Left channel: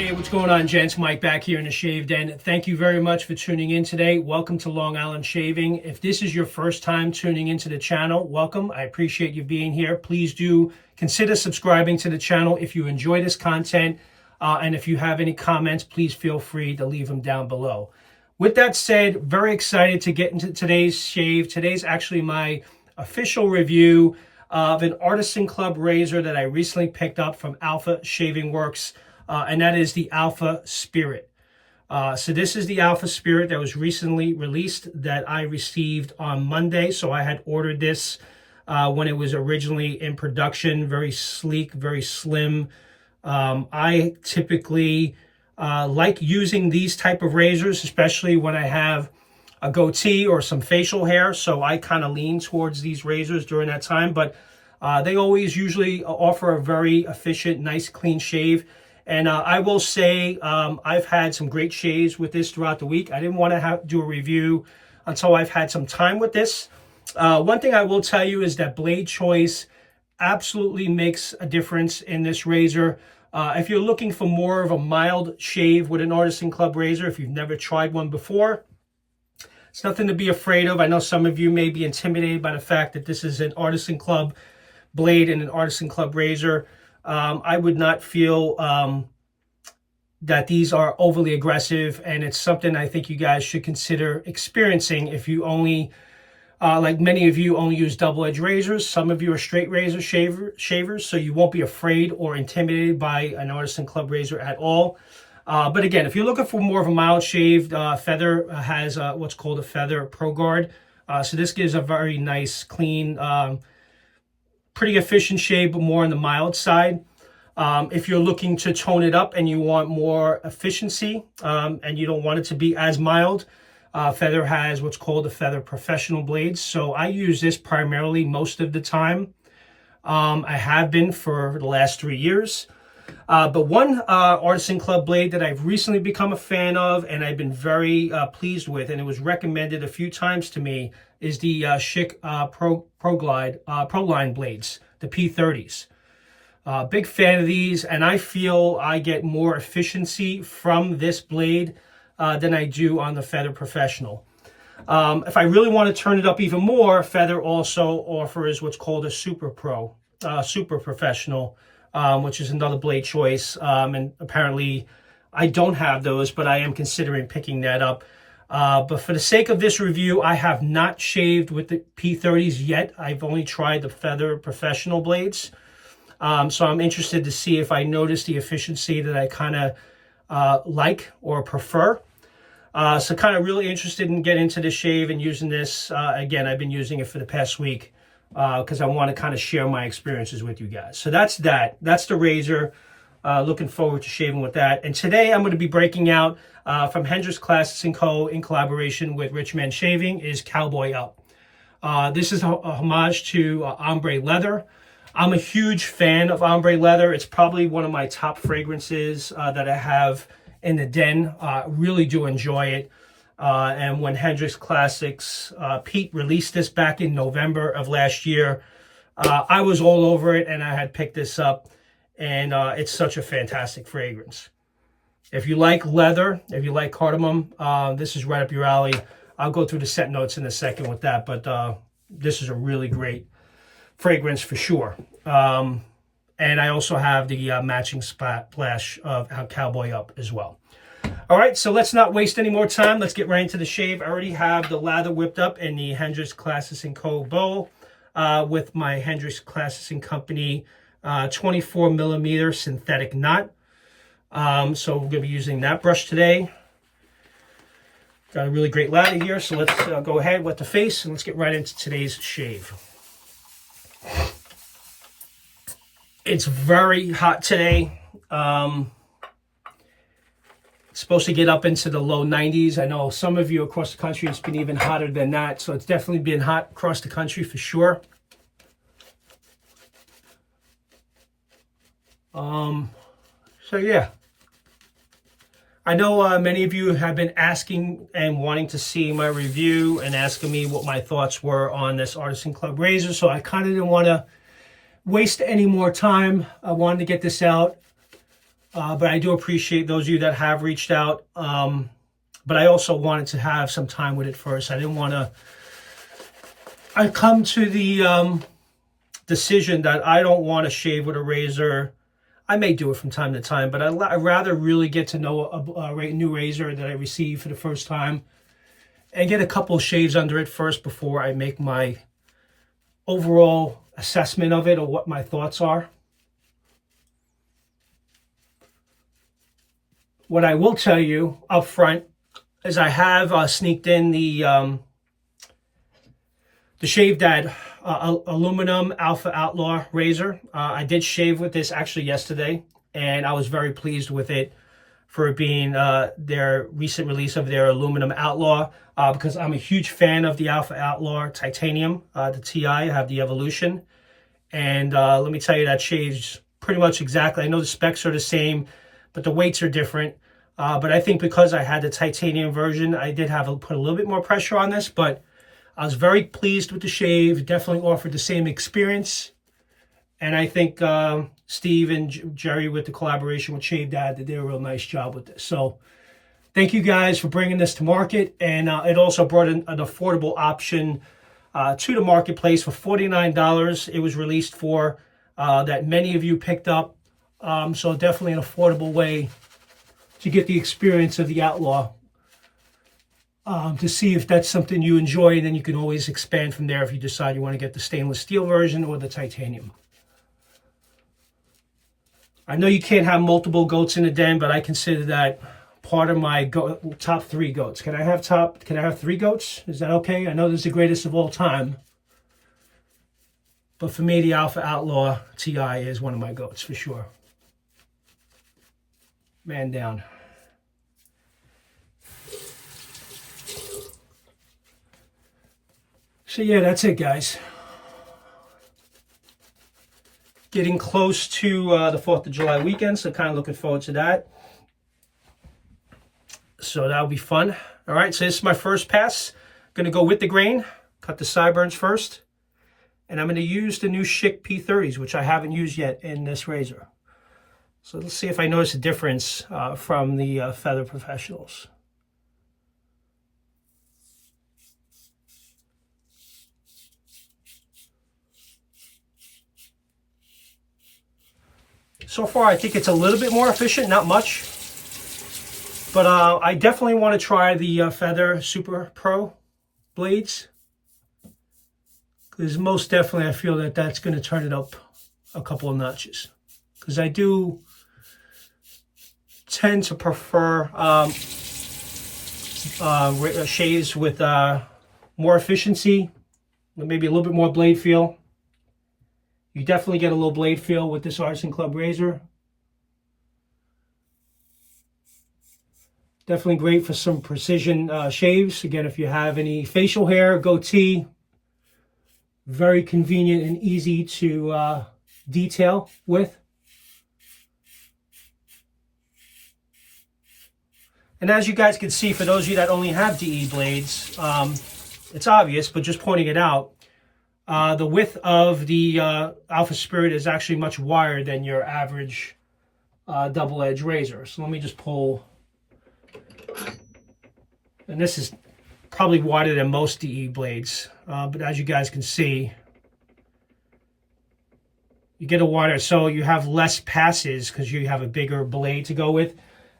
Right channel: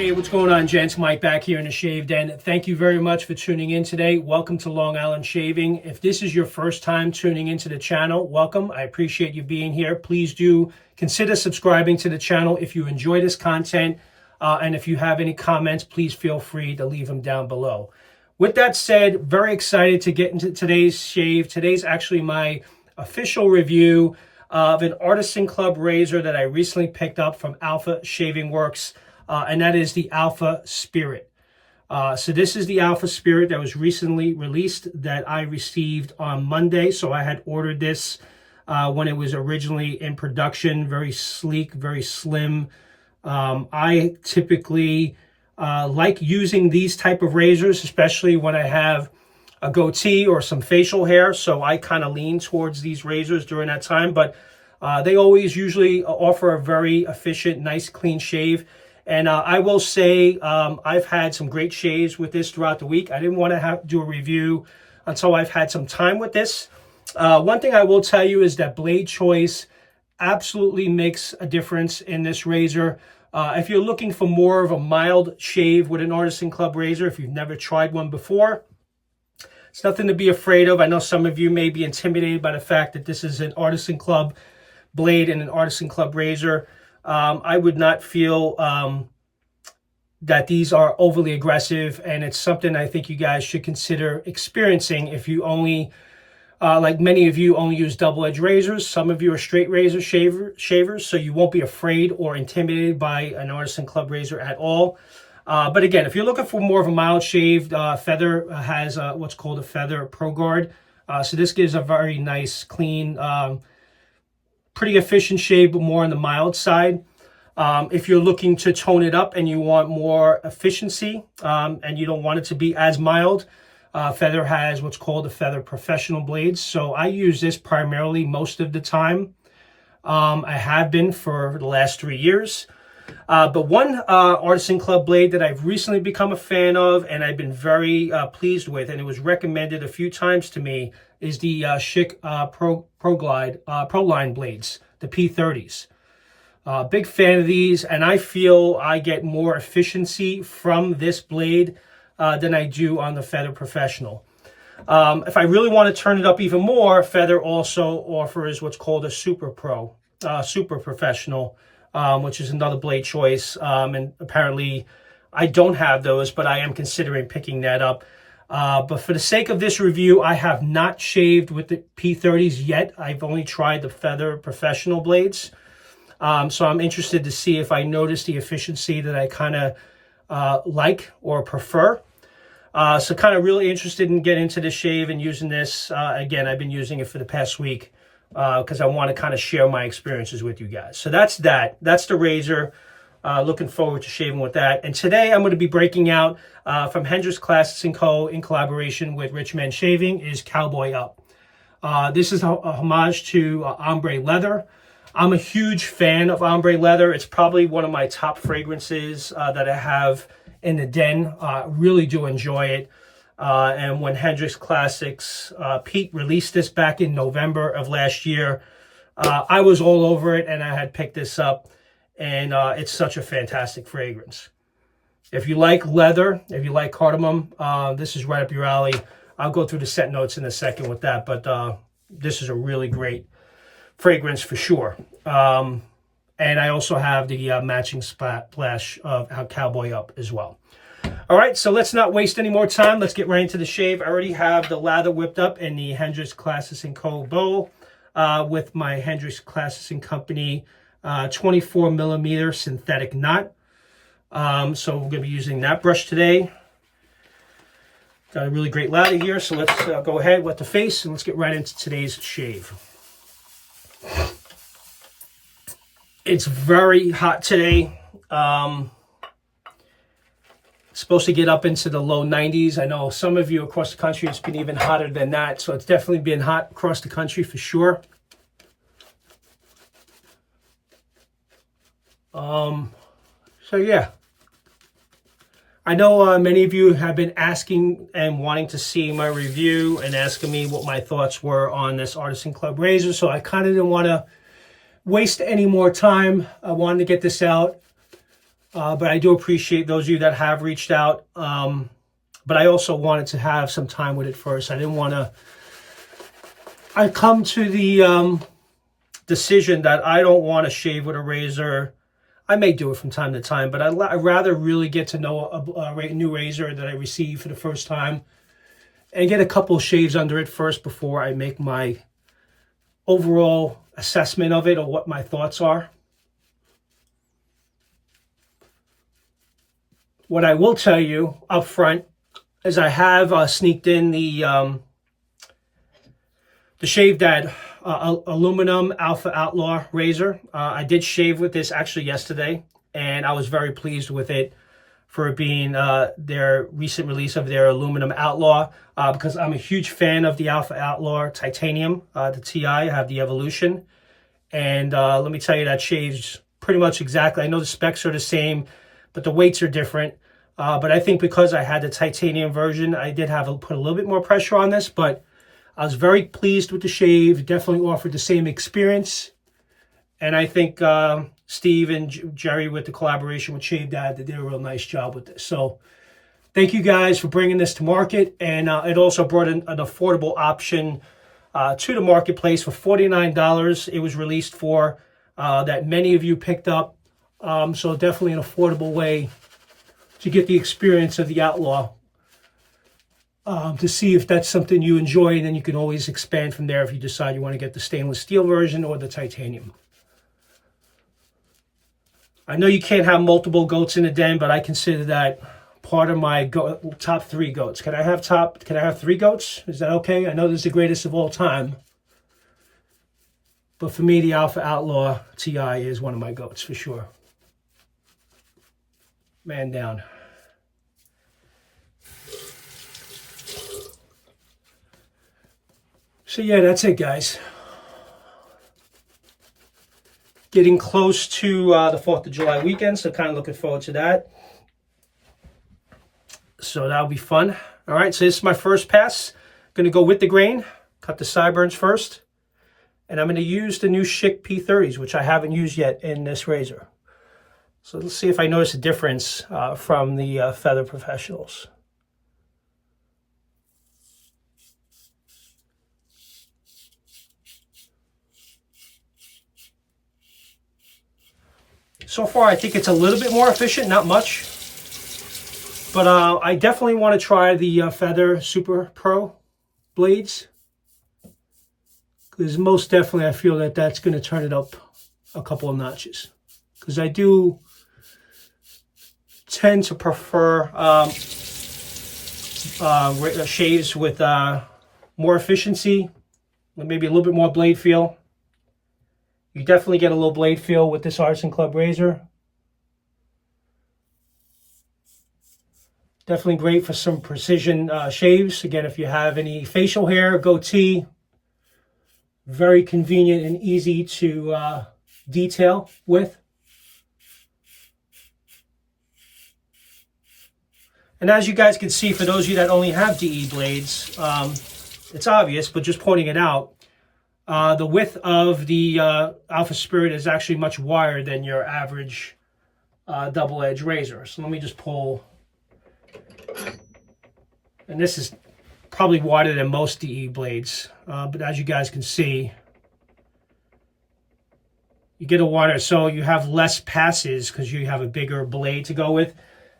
Hey, what's going on, gents? Mike back here in the Shave Den. Thank you very much for tuning in today. Welcome to Long Island Shaving. If this is your first time tuning into the channel, welcome. I appreciate you being here. Please do consider subscribing to the channel if you enjoy this content. And if you have any comments, please feel free to leave them down below. With that said, very excited to get into today's shave. Today's actually my official review of an Artisan Club razor that I recently picked up from Alpha Shaving Works. And that is the Alpha Spirit. So this is the Alpha Spirit that was recently released that I received on Monday. So I had ordered this when it was originally in production. Very sleek, very slim. I typically like using these type of razors, especially when I have a goatee or some facial hair. So I kind of lean towards these razors during that time. But they always usually offer a very efficient, nice, clean shave. And I will say I've had some great shaves with this throughout the week. I didn't want to do a review until I've had some time with this. One thing I will tell you is that blade choice absolutely makes a difference in this razor. If you're looking for more of a mild shave with an Artisan Club razor, if you've never tried one before, it's nothing to be afraid of. I know some of you may be intimidated by the fact that this is an Artisan Club blade and an Artisan Club razor. I would not feel that these are overly aggressive, and it's something I think you guys should consider experiencing if you only, like many of you, only use double-edged razors. Some of you are straight razor shavers, so you won't be afraid or intimidated by an Artisan Club razor at all. But again, if you're looking for more of a mild shaved, Feather has what's called a Feather Pro Guard. So this gives a very nice, clean, pretty efficient shave, but more on the mild side. If you're looking to tone it up and you want more efficiency and you don't want it to be as mild, Feather has what's called the Feather Professional blades. So I use this primarily most of the time. I have been for the last 3 years. But one Artisan Club blade that I've recently become a fan of and I've been very pleased with, and it was recommended a few times to me, is the Schick Proline blades, the P30s. Big fan of these, and I feel I get more efficiency from this blade than I do on the Feather Professional. If I really want to turn it up even more, Feather also offers what's called a Super Professional, which is another blade choice. And apparently I don't have those, but I am considering picking that up. But for the sake of this review, I have not shaved with the P30s yet. I've only tried the Feather Professional blades. So I'm interested to see if I notice the efficiency that I kind of like or prefer. So kind of really interested in getting into the shave and using this. Again, I've been using it for the past week because I want to kind of share my experiences with you guys. So that's that. That's the razor. Looking forward to shaving with that. And today I'm going to be breaking out from Hendrix Classics & Co. in collaboration with Rich Men Shaving is Cowboy Up. This is a homage to Ombrè Leather. I'm a huge fan of Ombrè Leather. It's probably one of my top fragrances that I have in the den. Really do enjoy it. And when Hendrix Classics, Pete released this back in November of last year, I was all over it and I had picked this up. And it's such a fantastic fragrance. If you like leather, if you like cardamom, this is right up your alley. I'll go through the scent notes in a second with that, but this is a really great fragrance for sure. And I also have the matching splash of Cowboy Up as well. All right, so let's not waste any more time. Let's get right into the shave. I already have the lather whipped up in the Hendrix Classics & Co. bowl with my Hendrix Classics & Company 24 millimeter synthetic knot. So we're going to be using that brush today. Got a really great lather here, so let's go ahead with the face and let's get right into today's shave. It's very hot today. It's supposed to get up into the low 90s. I know some of you across the country, it's been even hotter than that, so it's definitely been hot across the country for sure. So yeah, I know many of you have been asking and wanting to see my review and asking me what my thoughts were on this Artisan Club razor. So I kind of didn't want to waste any more time. I wanted to get this out But I do appreciate those of you that have reached out. But I also wanted to have some time with it first. I didn't want to. I come to the decision that I don't want to shave with a razor. I may do it from time to time, but I'd rather really get to know a new razor that I receive for the first time and get a couple of shaves under it first before I make my overall assessment of it or what my thoughts are. What I will tell you up front is I have sneaked in the shaved dad aluminum Alpha Outlaw razor. I did shave with this actually yesterday, and I was very pleased with it for it being their recent release of their aluminum Outlaw, because I'm a huge fan of the Alpha Outlaw titanium, the TI. I have the Evolution, and let me tell you, that shaves pretty much exactly. I know the specs are the same, but the weights are different. But I think because I had the titanium version, I did have to put a little bit more pressure on this, but I was very pleased with the shave. It definitely offered the same experience. And I think Steve and Jerry, with the collaboration with Shave Dad, did a real nice job with this. So thank you guys for bringing this to market. And it also brought in an affordable option to the marketplace for $49. It was released for that many of you picked up. So definitely an affordable way to get the experience of the Outlaw, to see if that's something you enjoy, and then you can always expand from there if you decide you want to get the stainless steel version or the titanium. I know you can't have multiple goats in a den, but I consider that part of my top 3 goats. Can I have 3 goats? Is that okay? I know this is the greatest of all time, but for me, the Alpha Outlaw TI is one of my goats for sure. Man down. So yeah, that's it, guys. Getting close to the 4th of July weekend, so kind of looking forward to that. So that'll be fun. All right, so this is my first pass. Going to go with the grain, cut the sideburns first, and I'm going to use the new Schick P30s, which I haven't used yet in this razor. So let's see if I notice a difference from the Feather Professionals. So far, I think it's a little bit more efficient, not much. But I definitely want to try the Feather Super Pro blades, because most definitely I feel that that's going to turn it up a couple of notches. Because I do tend to prefer shaves with more efficiency, maybe a little bit more blade feel. You definitely get a little blade feel with this Artisan Club razor. Definitely great for some precision shaves. Again, if you have any facial hair, goatee, very convenient and easy to detail with. And as you guys can see, for those of you that only have DE blades, it's obvious, but just pointing it out, the width of the Alpha Spirit is actually much wider than your average double-edged razor. So let me just pull. And this is probably wider than most DE blades. But as you guys can see, you get a wider, so you have less passes because you have a bigger blade to go with.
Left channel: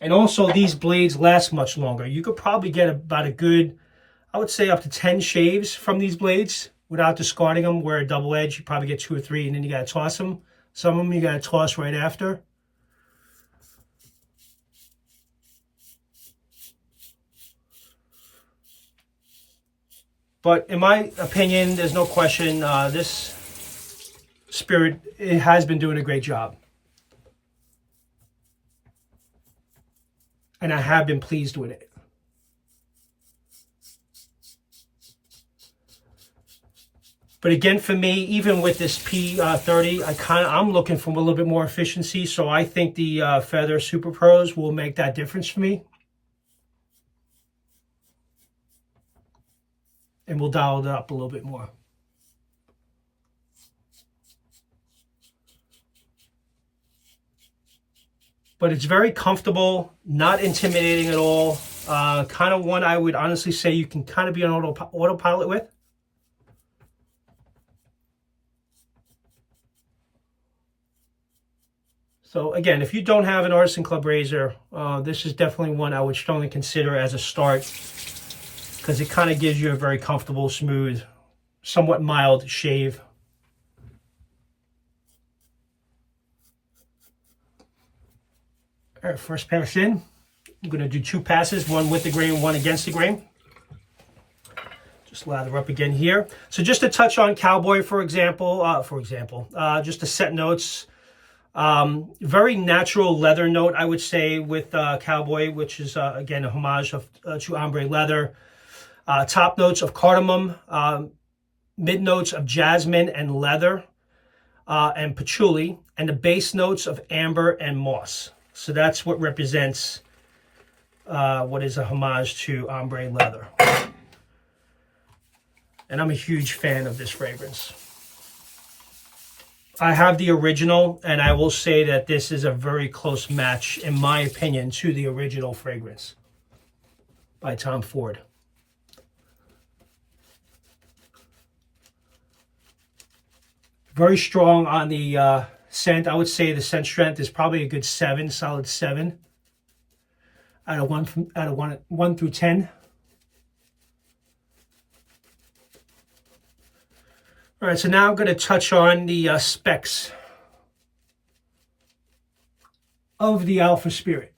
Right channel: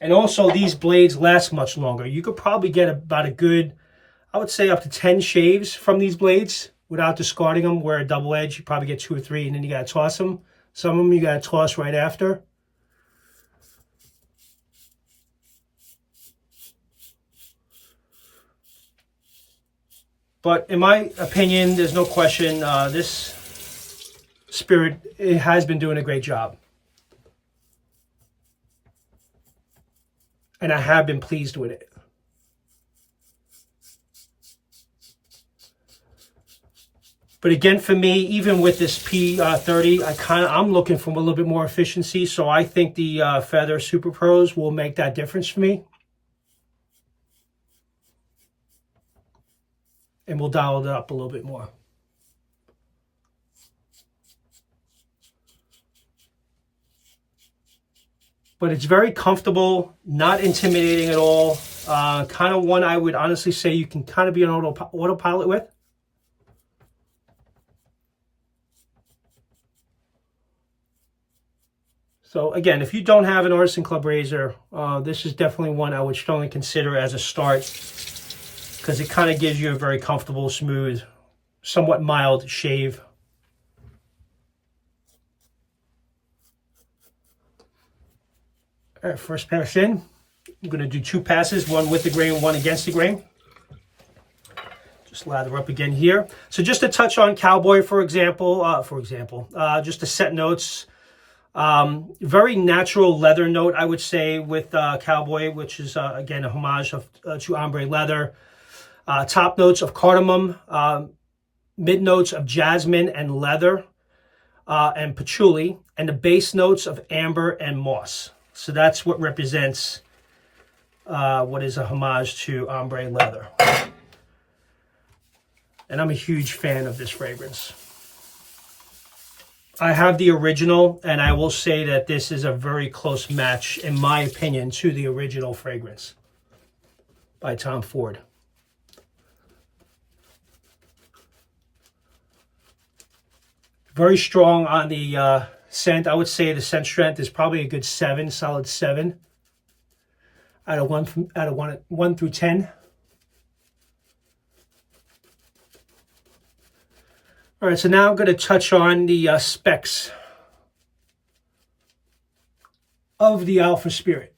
And also, these blades last much longer. You could probably get about a good, I would say up to 10 shaves from these blades without discarding them, where a double edge, you probably get 2 or 3, and then you got to toss them. Some of them you got to toss right after. But in my opinion, there's no question, this Spirit, it has been doing a great job. And I have been pleased with it. But again, for me, even with this P30, I'm looking for a little bit more efficiency. So I think the Feather Super Pros will make that difference for me. And we'll dial it up a little bit more. but it's very comfortable, not intimidating at all. Kind of one I would honestly say you can kind of be on autopilot with. So again, if you don't have an Artisan Club razor, this is definitely one I would strongly consider as a start, because it kind of gives you a very comfortable, smooth, somewhat mild shave. All right, first pass in. I'm going to do 2 passes, one with the grain, one against the grain. Just lather up again here. So just to touch on Cowboy, for example, just to set notes. Very natural leather note, I would say, with Cowboy, which is, again, a homage to Ombrè Leather. Top notes of cardamom, mid notes of jasmine and leather, and patchouli, and the base notes of amber and moss. So that's what represents what is a homage to Ombrè Leather. And I'm a huge fan of this fragrance. I have the original, and I will say that this is a very close match, in my opinion, to the original fragrance by Tom Ford. Very strong on the scent. I would say the scent strength is probably a good 7, solid 7 out of 1 through 10. All right, so now I'm going to touch on the specs of the Alpha Spirit.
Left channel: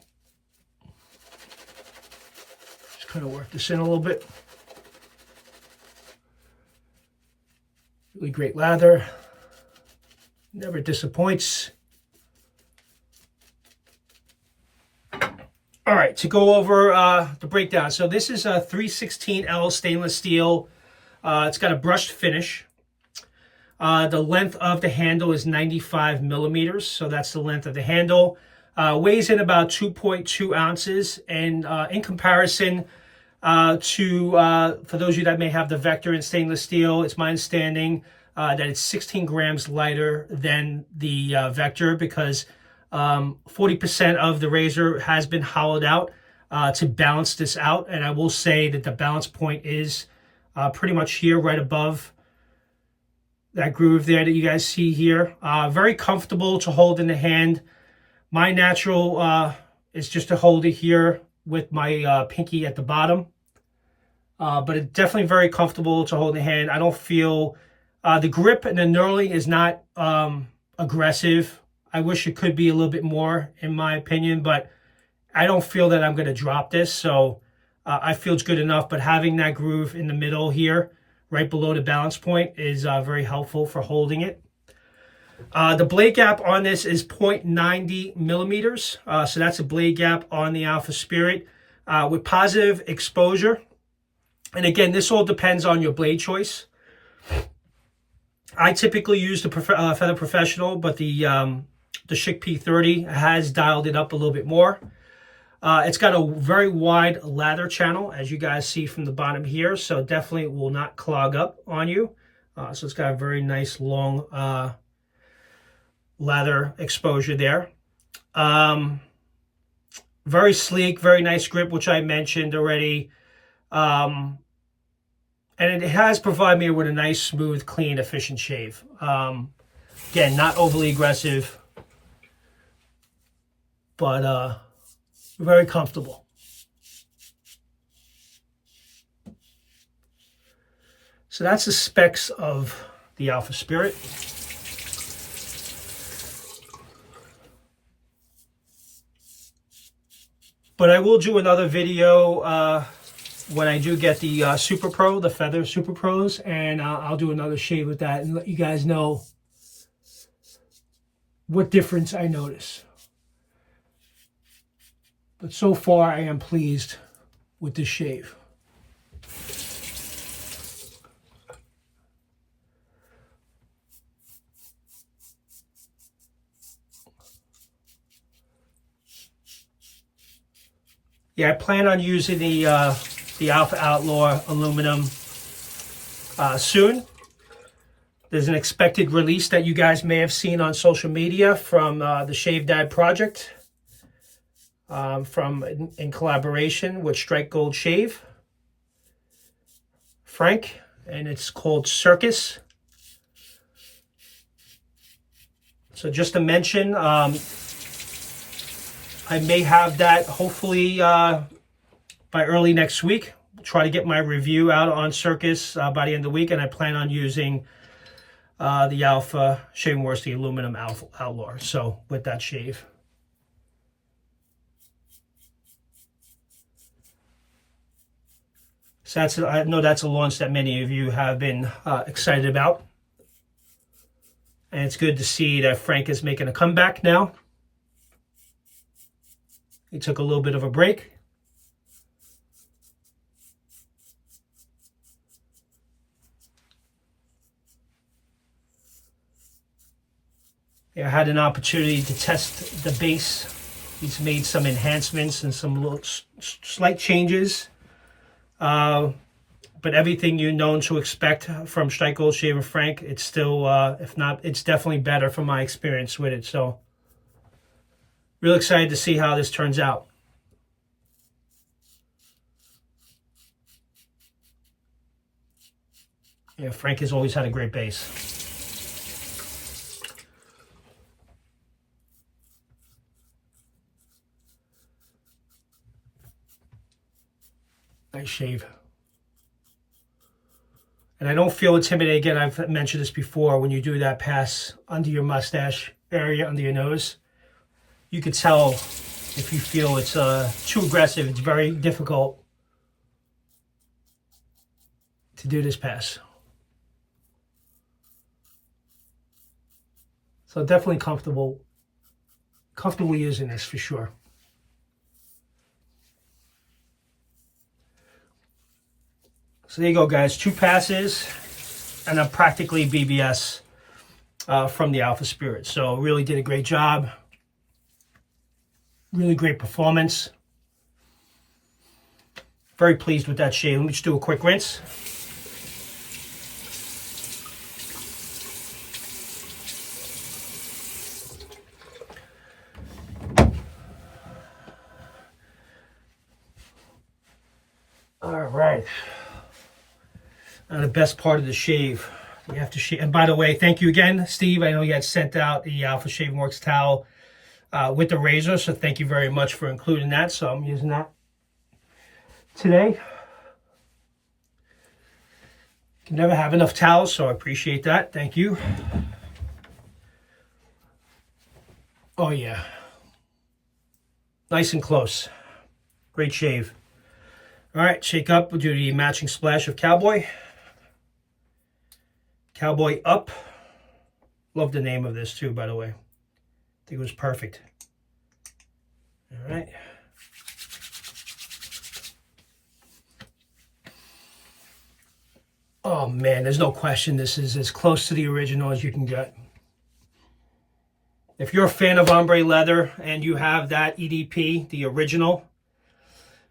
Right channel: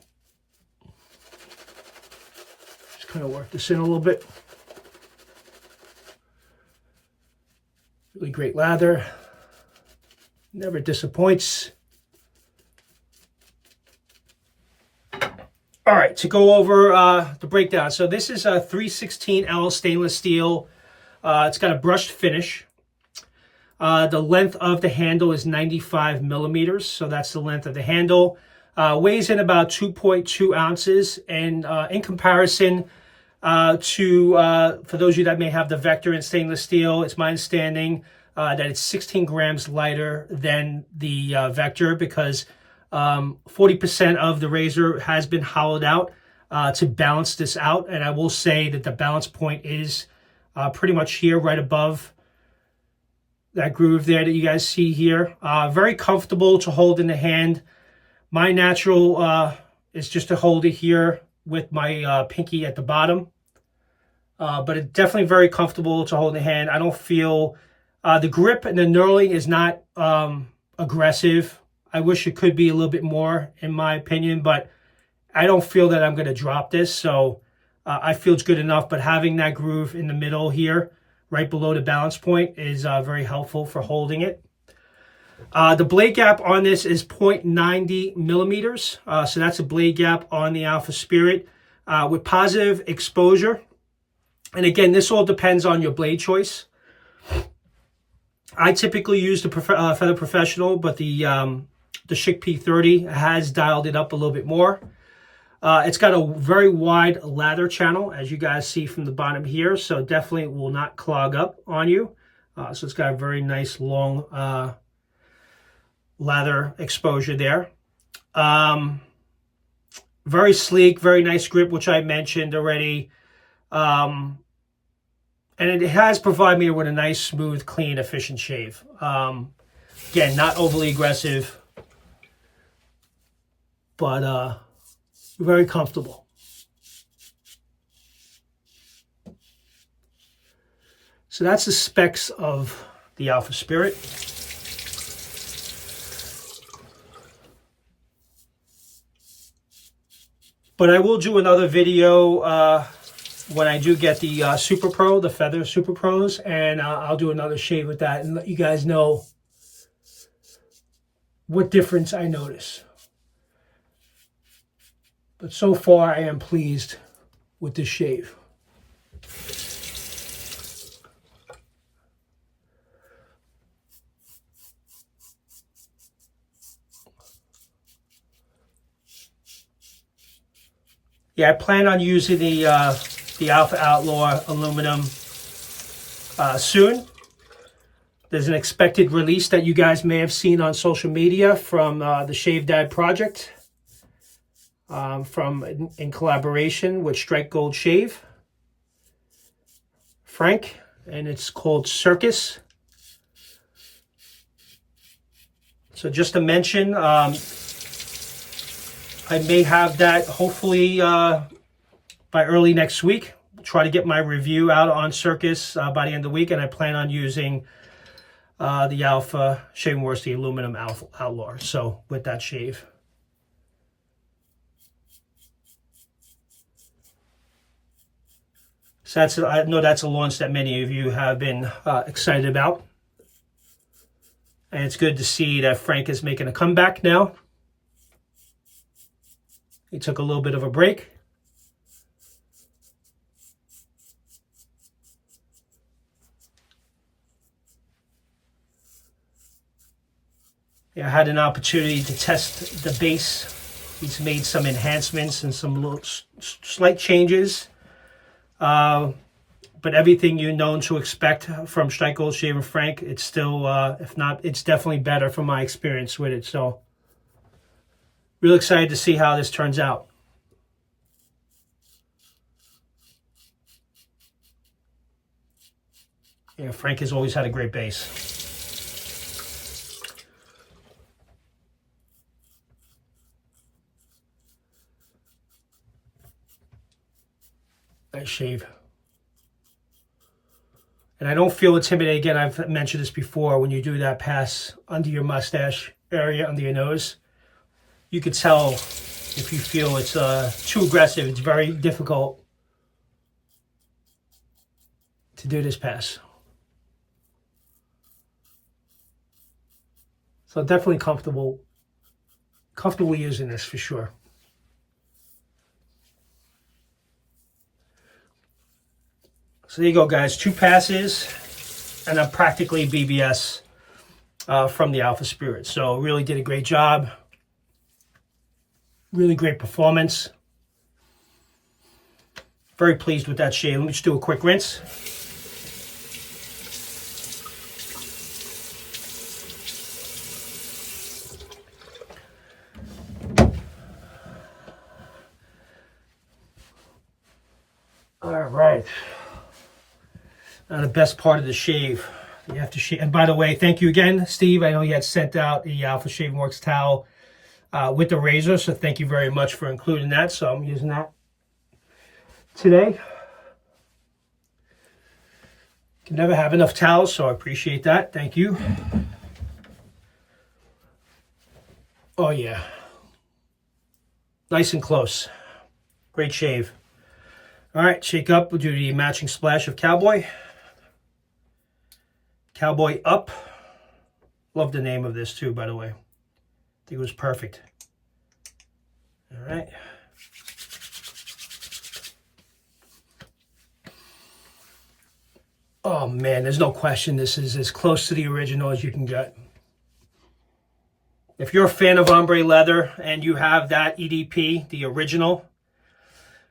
Just kind of work this in a little bit. Really great lather. Never disappoints. All right, to go over the breakdown. So this is a 316L stainless steel. It's got a brushed finish. The length of the handle is 95 millimeters, so that's the length of the handle. Weighs in about 2.2 ounces, and in comparison to, for those of you that may have the Vector in stainless steel, it's my understanding that it's 16 grams lighter than the Vector, because 40% of the razor has been hollowed out to balance this out, and I will say that the balance point is pretty much here, right above that groove there that you guys see here. Very comfortable to hold in the hand. My natural is just to hold it here with my pinky at the bottom. But it's definitely very comfortable to hold in the hand. I don't feel, the grip and the knurling is not aggressive. I wish it could be a little bit more, in my opinion, but I don't feel that I'm going to drop this. So I feel it's good enough, but having that groove in the middle here, right below the balance point, is very helpful for holding it. The blade gap on this is 0.90 millimeters. So that's a blade gap on the Alpha Spirit with positive exposure. And again, this all depends on your blade choice. I typically use the Feather Professional, but the Schick P30 has dialed it up a little bit more. It's got a very wide lather channel, as you guys see from the bottom here, so definitely will not clog up on you. So it's got a very nice long lather exposure there. Very sleek, very nice grip, which I mentioned already. And it has provided me with a nice, smooth, clean, efficient shave. Again, not overly aggressive, but very comfortable. So that's the specs of the Alpha Spirit. But I will do another video when I do get the Super Pro, the Feather Super Pros, and I'll do another shave with that and let you guys know what difference I notice. But so far, I am pleased with this shave. Yeah, I plan on using the Alpha Outlaw aluminum soon. There's an expected release that you guys may have seen on social media from the Shave Dad project. in collaboration with Strike Gold Shave, Frank, and it's called Circus. So just to mention, I may have that hopefully by early next week. Try to get my review out on Circus by the end of the week, and I plan on using the Alpha Shaving Works, the aluminum Outlaw. So with that shave. So I know that's a launch that many of you have been excited about. And it's good to see that Frank is making a comeback now. He took a little bit of a break. Yeah, I had an opportunity to test the base. He's made some enhancements and some little slight changes. But everything you're known to expect from Strike Gold Shave and Frank, it's still, if not, it's definitely better from my experience with it. So, real excited to see how this turns out. Yeah, Frank has always had a great base. Nice shave. And I don't feel intimidated. Again, I've mentioned this before. When you do that pass under your mustache area, under your nose, you could tell if you feel it's too aggressive. It's very difficult to do this pass. So definitely comfortable using this for sure. So there you go, guys. 2 passes, and I'm practically BBS from the Alpha Spirit. So really did a great job. Really great performance. Very pleased with that shave. Let me just do a quick rinse. All right. Now the best part of the shave, you have to shave. And by the way, thank you again, Steve. I know you had sent out the Alpha Shaving Works towel with the razor, so thank you very much for including that. So I'm using that today. Can never have enough towels, so I appreciate that. Thank you. Oh yeah, nice and close. Great shave. All right, shake up. We'll do the matching splash of Cowboy. Cowboy Up. Love the name of this too, by the way. I think it was perfect. All right. Oh man, there's no question this is as close to the original as you can get. If you're a fan of Ombrè Leather and you have that EDP, the original,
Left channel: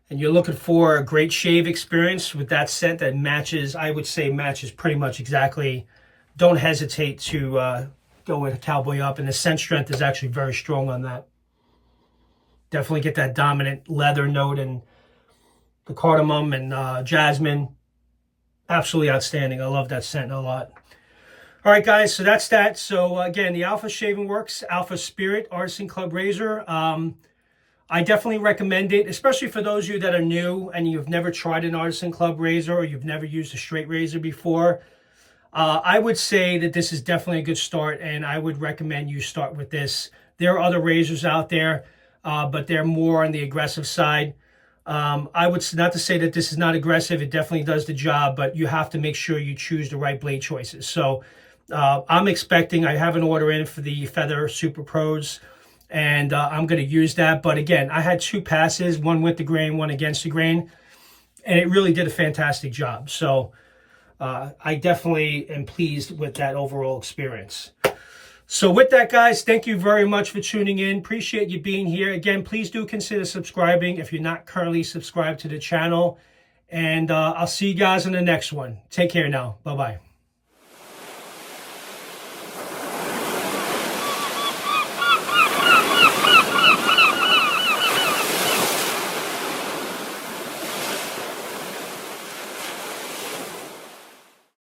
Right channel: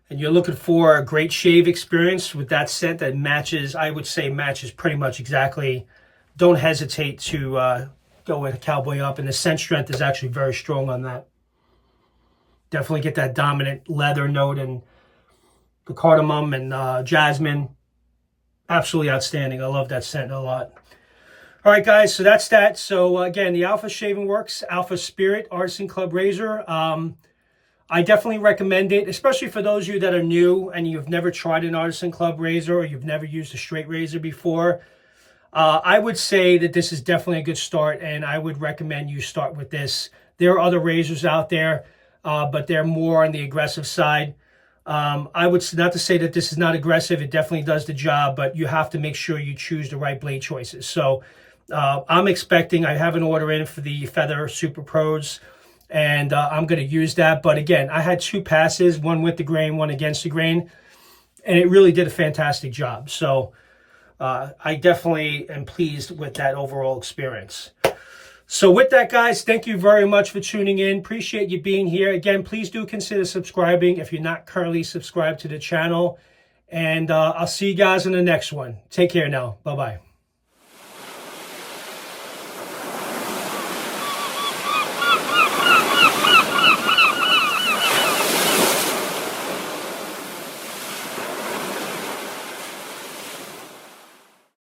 and you're looking for a great shave experience with that scent that matches, I would say matches pretty much exactly, don't hesitate to go with Cowboy Up. And the scent strength is actually very strong on that. Definitely get that dominant leather note and the cardamom and jasmine. Absolutely outstanding. I love that scent a lot. All right, guys, so that's that. So again, the Alpha Shaving Works, Alpha Spirit Artisan Club Razor. I definitely recommend it, especially for those of you that are new and you've never tried an Artisan Club razor or you've never used a straight razor before. I would say that this is definitely a good start, and I would recommend you start with this. There are other razors out there, but they're more on the aggressive side. I would not to say that this is not aggressive. It definitely does the job, but you have to make sure you choose the right blade choices. So I'm expecting, I have an order in for the Feather Super Pros, and I'm going to use that. But again, I had 2 passes, one with the grain, one against the grain, and it really did a fantastic job. So I definitely am pleased with that overall experience. So with that, guys, thank you very much for tuning in. Appreciate you being here. Again, please do consider subscribing if you're not currently subscribed to the channel. And I'll see you guys in the next one. Take care now. Bye-bye.